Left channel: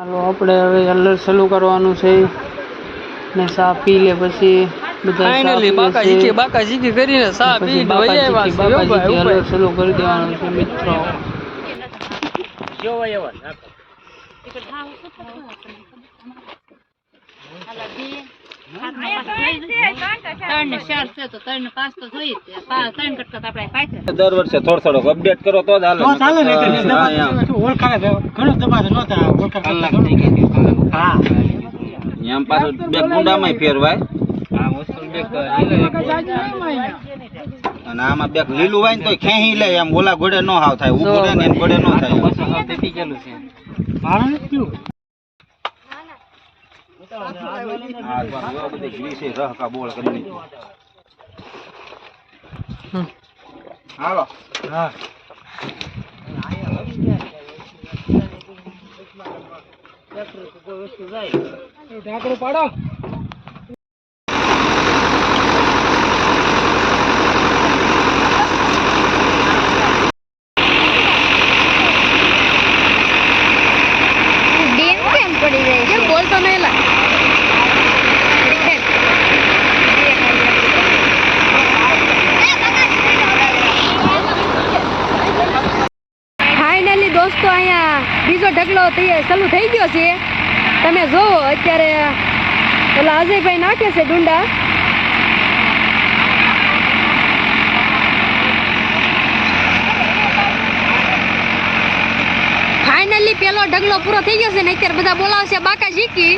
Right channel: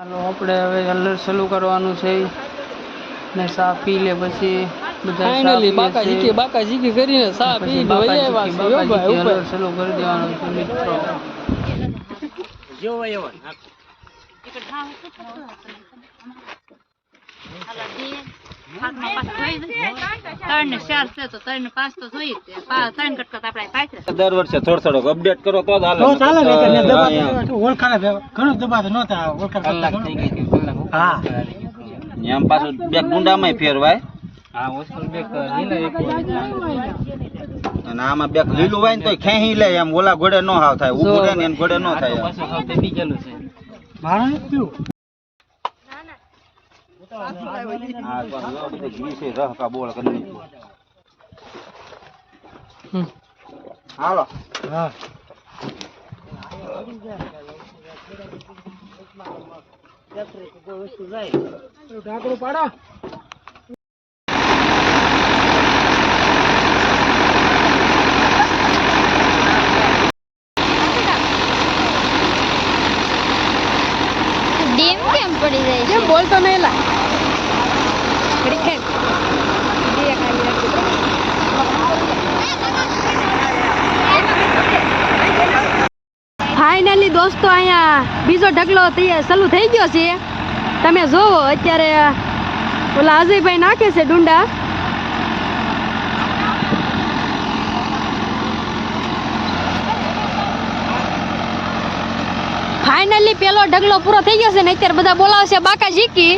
હાલો આપણે હવે હલર ચાલુ કરવાનું છે ને સા પી લે પછી બધા ફાઇનલી બાકા ઝીકી કરીને સા પી લે વઈ આવ્યા છે યો ભાઈ હલર ચાલુ કરી દેવાનું છે મિત્રો જો વઈ આવ્યા દર વર્ષે થોડો અપડેટ કરો તો જ હાલે હા એમ પાછું બે ગુંડામાં ફેરવાય અને આમાં બે લીલું હોય ને તો ખેહી લે એમ ઓલા ઘોડે નો હાવ થાય ઊભું રહે ને એમ ઘોડે નો થાય હાલો હા કોઈ વસ્તુ જાય ઢાંકણું પાડો ડેમ કેમ પડી જાય છે બોલતો નહીં લા ફાઇનલી દોસ્તો અહીંયા બીજો ઢગલો ચાલુ થઈ ગયો છે તમે જોવો અત્યારે ઓલા અજયભાઈ નાખે છે ડુંડા ફાઇનલી પેલો ઢગલો પૂરો થઈ ગયો છે ને અત્યારે બધા બોલાવશે બાકા ઝીકી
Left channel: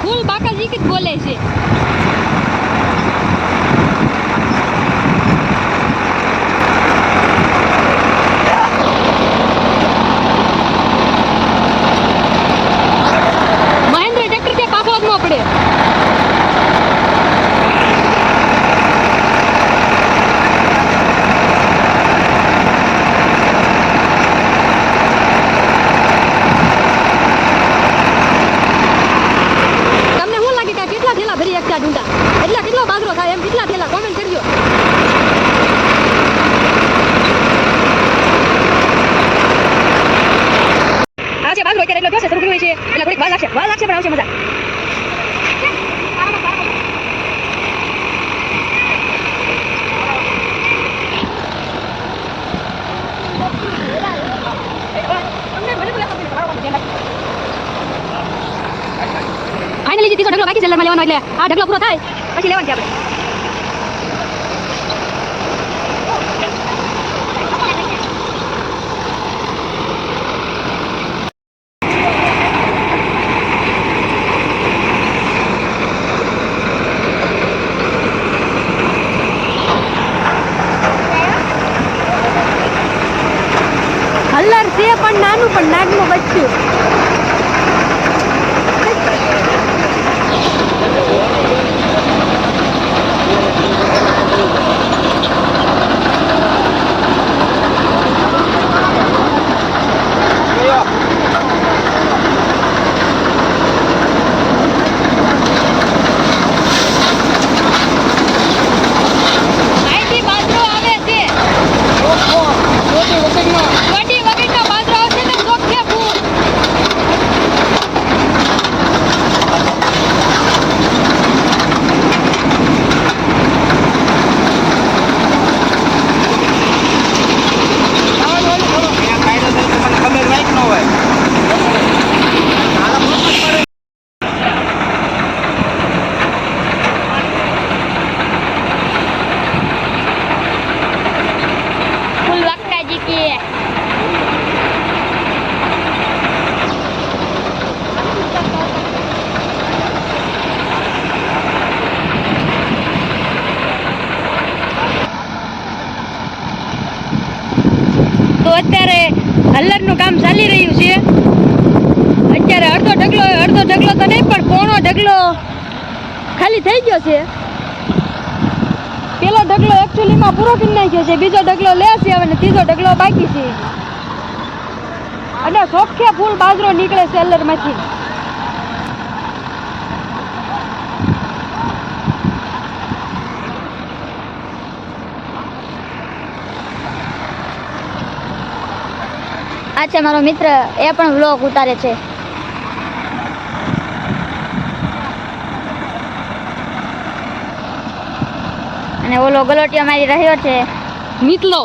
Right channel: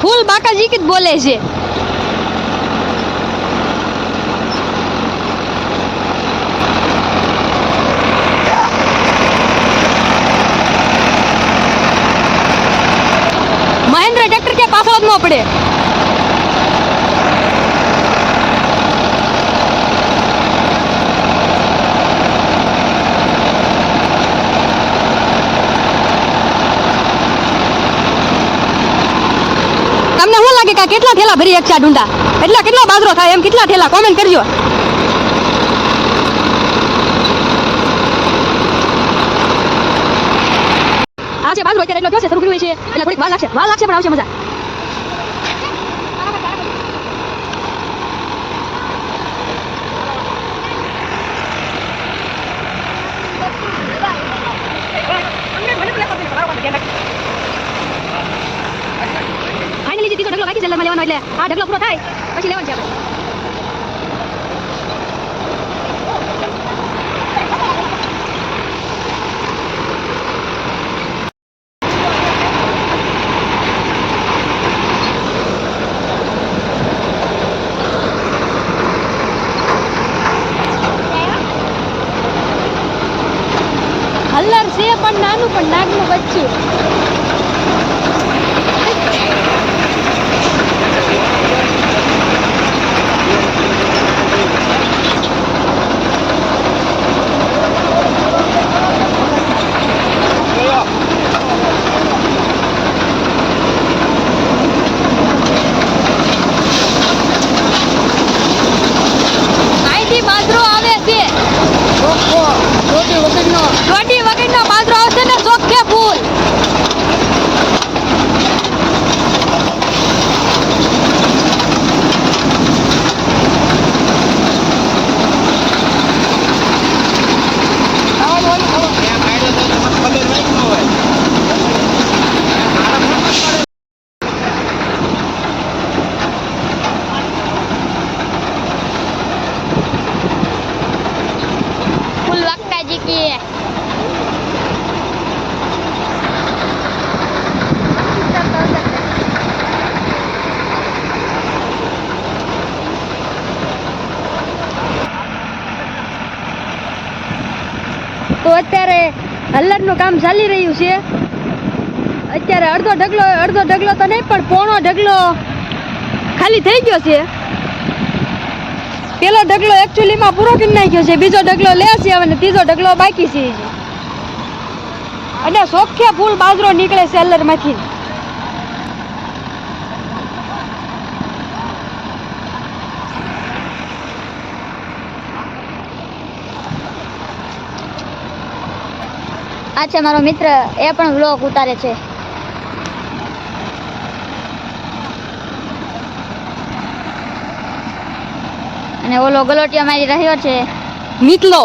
ફૂલ બાકાજી જ બોલે છે મહેન્દ્ર ટ્રેક્ટર કે પાછળ જ ન પડે કેટલા ઠેલા ભરી એકચા ડુંડા કેટલો બાજરો થાય એમ કેટલા ઠેલા કોમેન્ટ કરજો આ છે બાજરો અત્યારે એટલો દિવસે શરૂ કર્યું છે એટલે થોડીક વાર લાગશે પણ આવશે મજા ફાઇનલી ત્રીજો ઢગલો બાકી છે એટલે લેવાનો એટલે આ ઢગલો પૂરો થાય પછી લેવાનું છે આપણે હલ્લર છે પણ નાનું બચ્ચું રોટી વગરનો બાજરો આવશે ને ચોખ્ખે તો અત્યારે હલ્લરનું કામ ચાલી રહ્યું છે. અત્યારે અડધો ઢગલો તો નહીં પણ પોણો ઢગલો ખાલી થઈ ગયો છે. પેલો ઢગલો એકચ્યુઅલીમાં પૂરો કરી નાખ્યો છે, બીજો ઢગલો લે છે અને ત્રીજો ઢગલો બાકી છે. અને સોખે ફૂલ બાજરો નીકળે છે હલ્લરમાંથી. આ છે મારો મિત્ર, એ પણ વ્લોગ ઉતારે છે. અને ઓલો ગલોટિયો મારી રહ્યો છે નીકળો.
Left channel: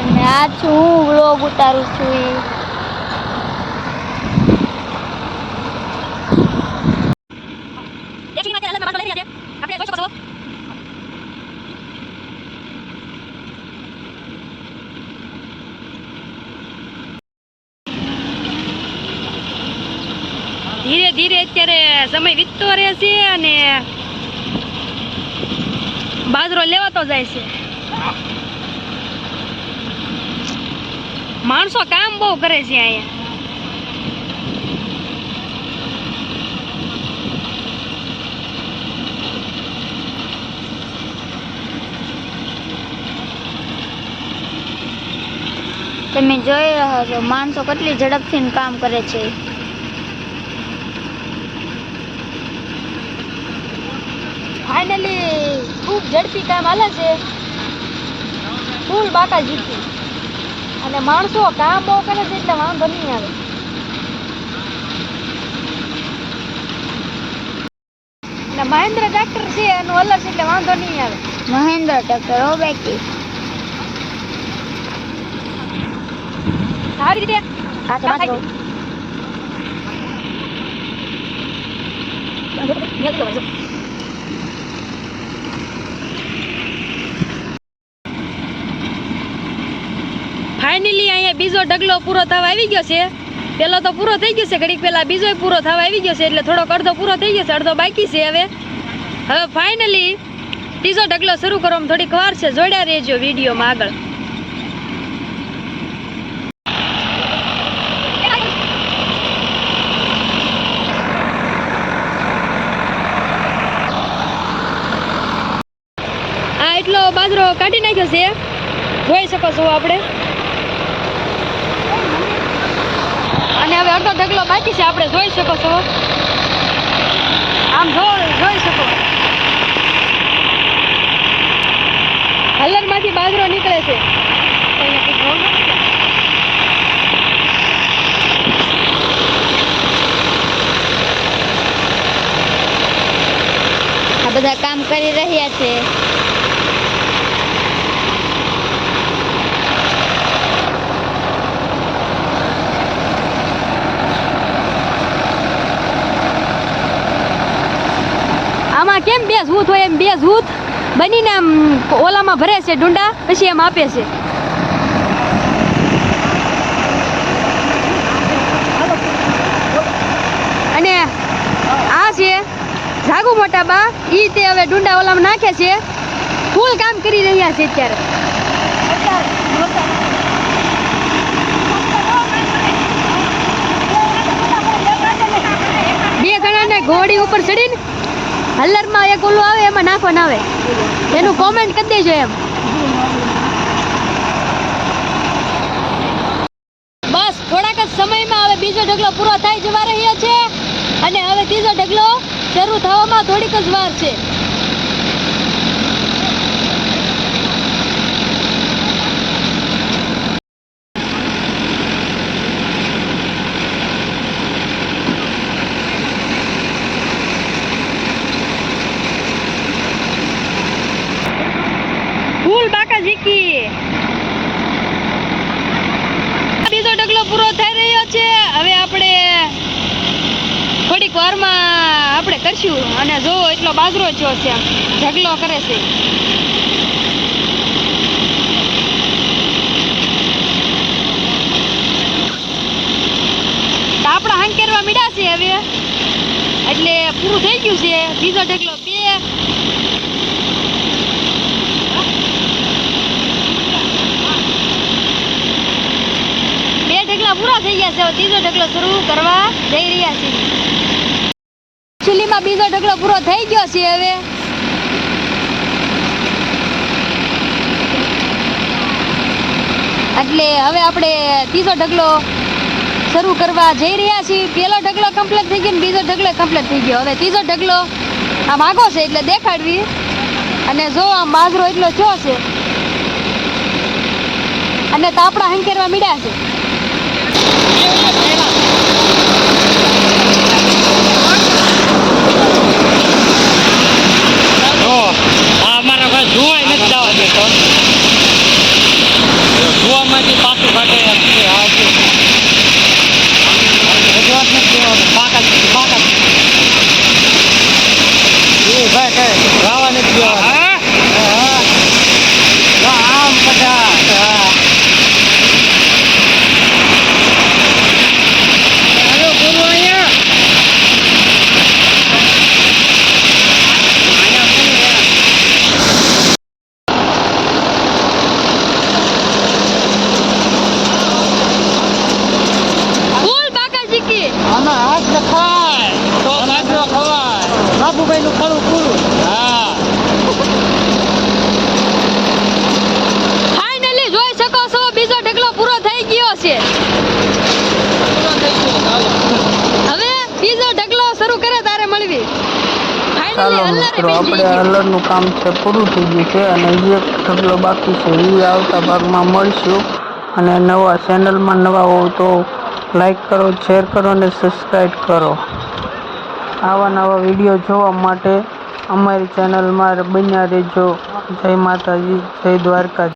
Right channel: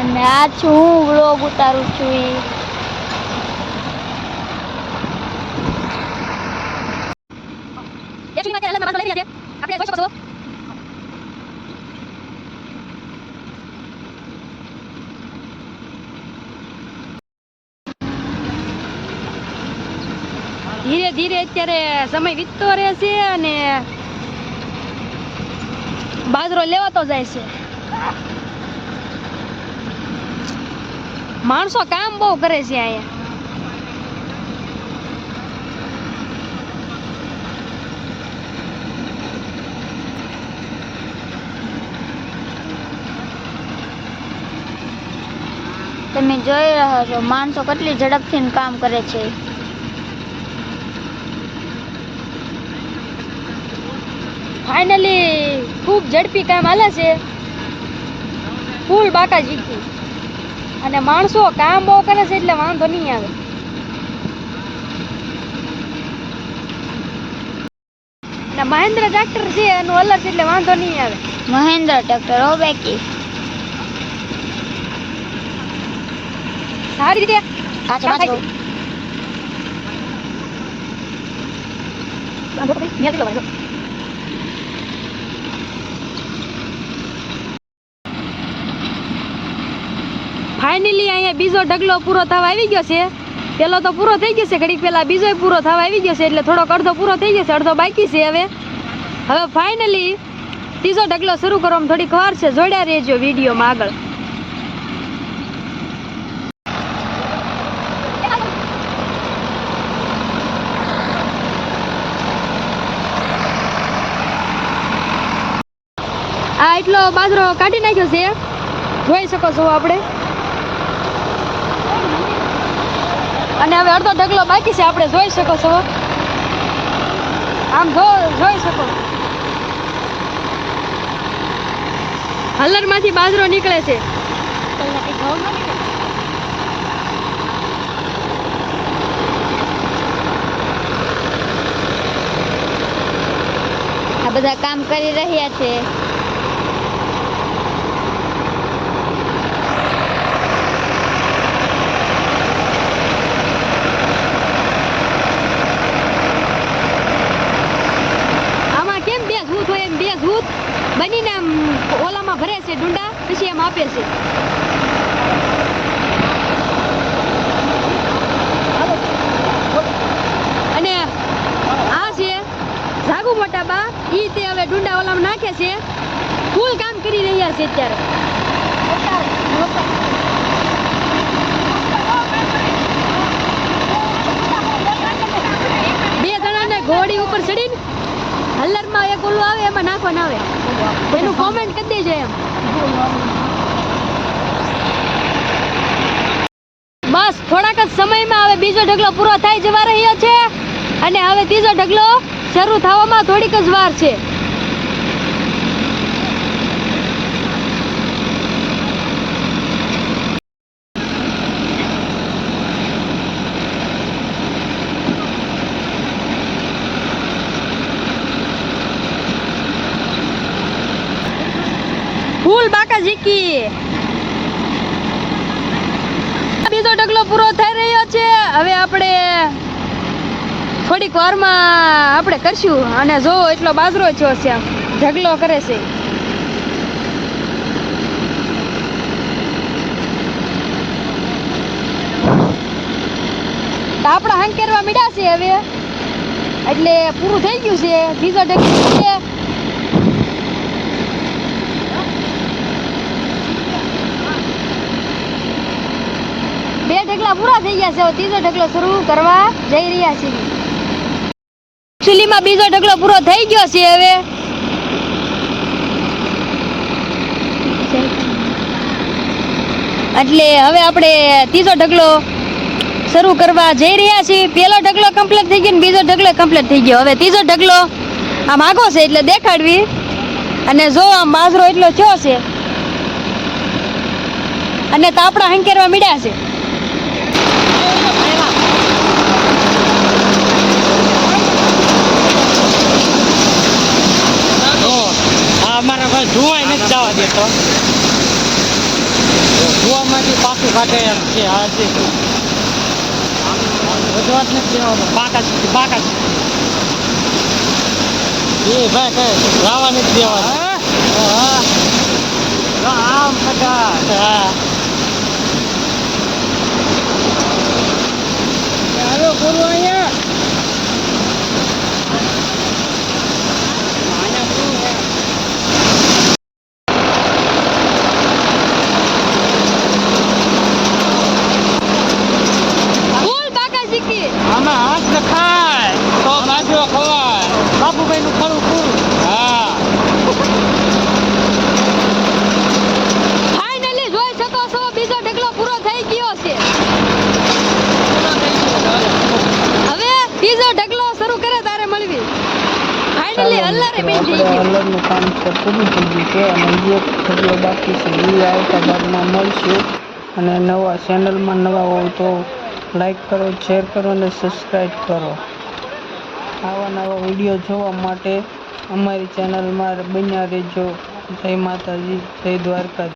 અને આ છું હું વ્લોગ ઉતારું છું ઈ. ધીરે ધીરે અત્યારે સમય વીતતો રહે છે અને બાજરો લેવાતો જાય છે. માણસો કામ બહુ કરે છે અહીંયા. તમે જોઈ રહ્યા છો માણસો કેટલી ઝડપથી કામ કરે છે. ફાઇનલી ખૂબ ઝડપી કામ હાલે છે, ફૂલ બાકાજીથી. અને માણસો કામ બહુ કરે છે એટલે વાંધો નહીં આવે. અને મહેન્દ્ર ટ્રેક્ટર છે એનું અલગ છે એટલે વાંધો નહીં આવે. મહેન્દ્ર ટ્રેક્ટર ઓ બેકી સારી રીતે આ છે બાજરો. ફાઇનલી અહીંયા બીજો ઢગલો પૂરો થવા આવી ગયો છે. પેલો તો પૂરો થઈ ગયો છે, ઘડીક પહેલા બીજો પૂરો થવા આવી ગયો છે એટલે થોડોક અડધો પૂરો થઈ ગયો છે, અડધો બાકી છે. હવે ફાઇનલી ત્રીજો ઢગલો શરૂ કરવામાં થોડીક વાર છે. જોડ્યા રહેજો વિડીયોમાં આગળ. આ એટલો બાજરો કાઢી નાખ્યો છે, જોઈ શકો છો આપણે. અને હવે અડધો ઢગલો બાકી છે, આપણે જોઈ શકો છો. આમ જોઈ શકો. હલ્લરમાંથી બાજરો નીકળે છે. આ બધા કામ કરી રહ્યા છે. કેમ બે જૂથ હોય એમ બે જૂથ બનીને આમ ઓલામાં ભરે છે ડુંડા, પછી એમ આપે છે. અને આ છે જાગુ મોટા બા, ઈ તે હવે ડુંડા ઓલામાં નાખે છે. ફૂલ કામ કરી રહ્યા છે અત્યારે. બે જણાને ઘોડી ઉપર ચડીને હલ્લરમાં એક ઓલું આવે એમાં નાખવાનું આવે, એનું કોમેન્ટ કરી દેજો એમ. બસ થોડાક જ સમયમાં હવે બીજો ઢગલો પૂરો થઈ જવા રહ્યો છે અને હવે ત્રીજો ઢગલો શરૂ થવામાં થોડીક જ વાર છે. બીજો ઢગલો પૂરો થઈ રહ્યો છે. હવે આપણે થોડીક વારમાં આપણે કરશું. અને જો એટલો બાજરો થયો છે, ઢગલો કરે છે. આપણા હંકેરવા મીડા છે હવે, એટલે પૂરું થઈ ગયું છે. બીજો ઢગલો છે તો ત્રીજો ઢગલો શરૂ કરવા જઈ રહ્યા છીએ. એકચ્યુઅલીમાં બીજો ઢગલો પૂરો થઈ ગયો છે હવે. એટલે હવે આપણે ત્રીજો ઢગલો શરૂ કરવા જઈ રહ્યા છીએ. પહેલો ઢગલો કમ્પ્લીટ થઈ ગયો ને બીજો ઢગલો કમ્પ્લીટ થઈ ગયો. હવે ત્રીજો ઢગલો આમ આગો છે એટલે દેખાડવી. અને જો આમ બાજરો એટલો થયો છે અને તાપડા હંકેરવા મીડ્યા છે. અમારા કોઈ જોવાય નથી જવા દેતો. જોવામાંથી પાછું કાઢે રજૂઆત નથી દેવાનું. બાકાત એ ભાઈ કઈ રાવા નથી દેવાનું. ફૂલ બાકા શીખી આમાં હાથ લખાય તો બાજરો ખવાય. બાબુભાઈ નું ખરું પૂરું. હા ફાઇનલી જોઈ શકો છો બીજો ઢગલો પૂરો થઈ ગયો છે. હવે બીજો ઢગલો શરૂ કરે તારે મળવી. ફાઇનલી હલ્લરે આપણે પડી ગઈ. હલરનું કામ છે પૂરું થઈ ગયું છે અને હજી એક ઢગલો બાકી છે. એ આવતા ભાગમાં મળશું. અને નવા ચેનલમાં નવા હો તો લાઈક કરો, શેર કરો અને સબસ્ક્રાઈબ કરો. આવા નવા વિડીયો જોવા માટે અમારી ચેનલમાં બન્યા રહેજો. જય માતાજી, જય દ્વારકા.